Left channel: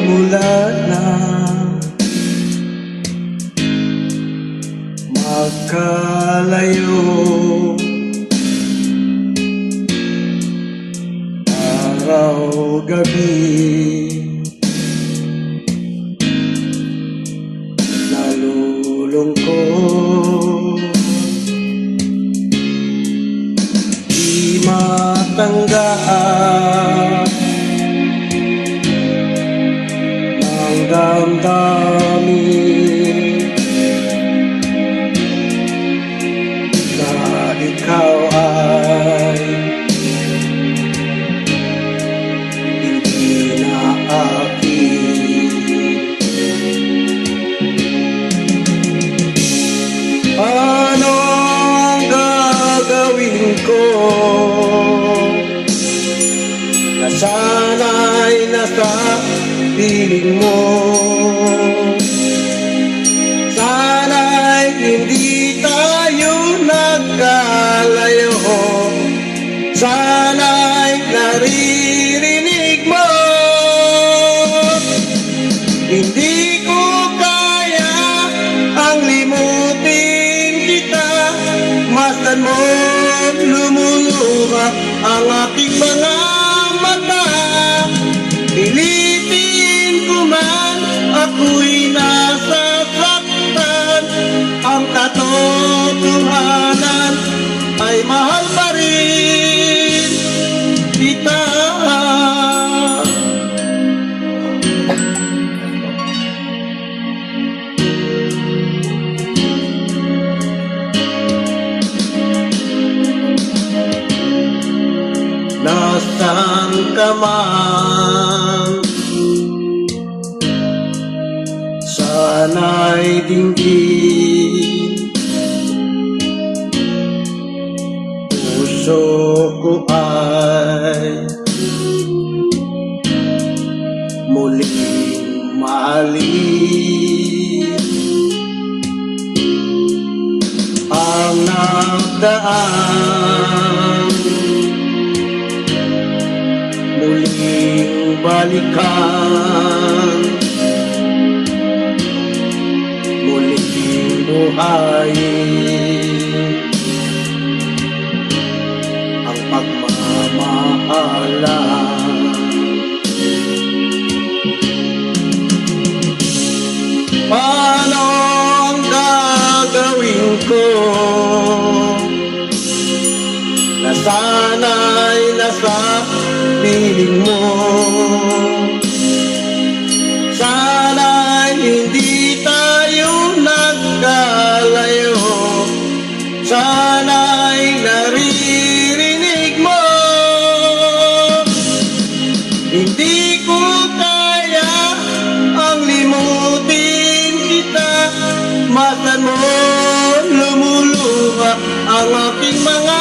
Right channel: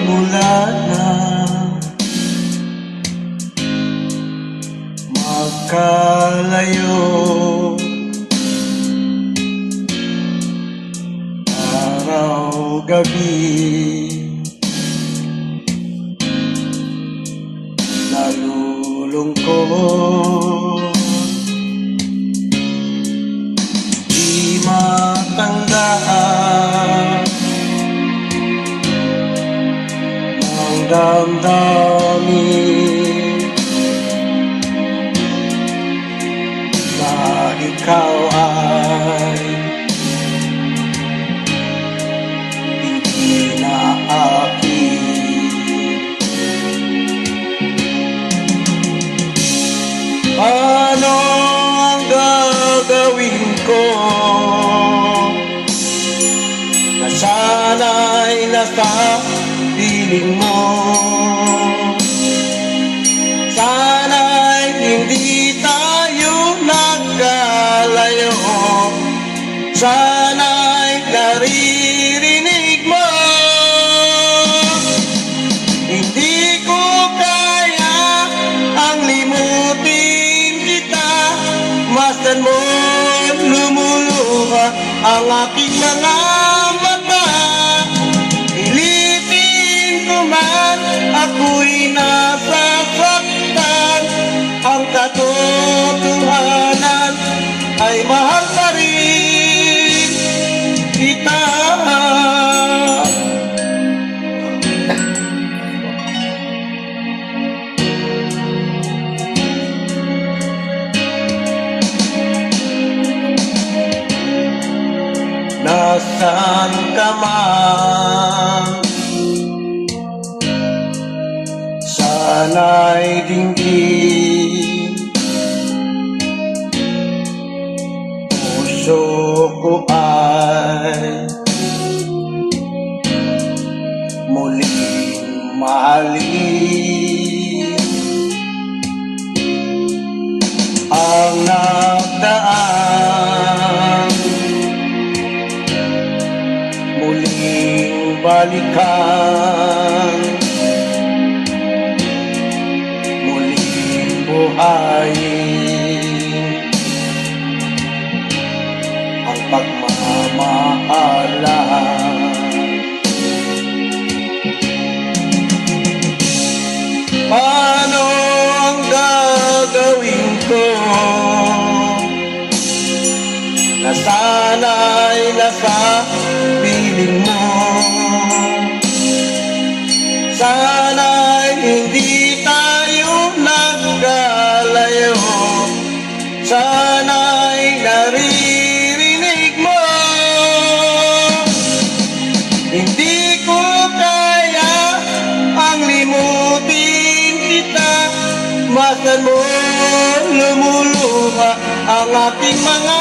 mula na magkalayo, araw-gabi nalulungkot, di matanggaan ng damdamin na ikaw ay hindi na akin. Anong gagawin ko na sana'y nasa piling mo? Sana'y hindi tayo nagkalayo, sana'y naririnig mo. Hindi ko kaya ang limutin kita, masdan mo lumuluha ang aking mga mata. Pilitin ko man ako'y nasasaktan, ang katotohanan ay mahal pa rin kita. Nasaan ka man, sana'y dinggin puso ko ay muling mahalin. Ang nagdaan muling balikan, muling buhayin ang pagmamahalan. Paano ang gagawin ko na sana'y nasa piling mo? Sana'y hindi tayo nagkalayo, sana'y naririnig mo. Hindi ko kaya ang limutin kita, masdan mo lumuluha ang aking mga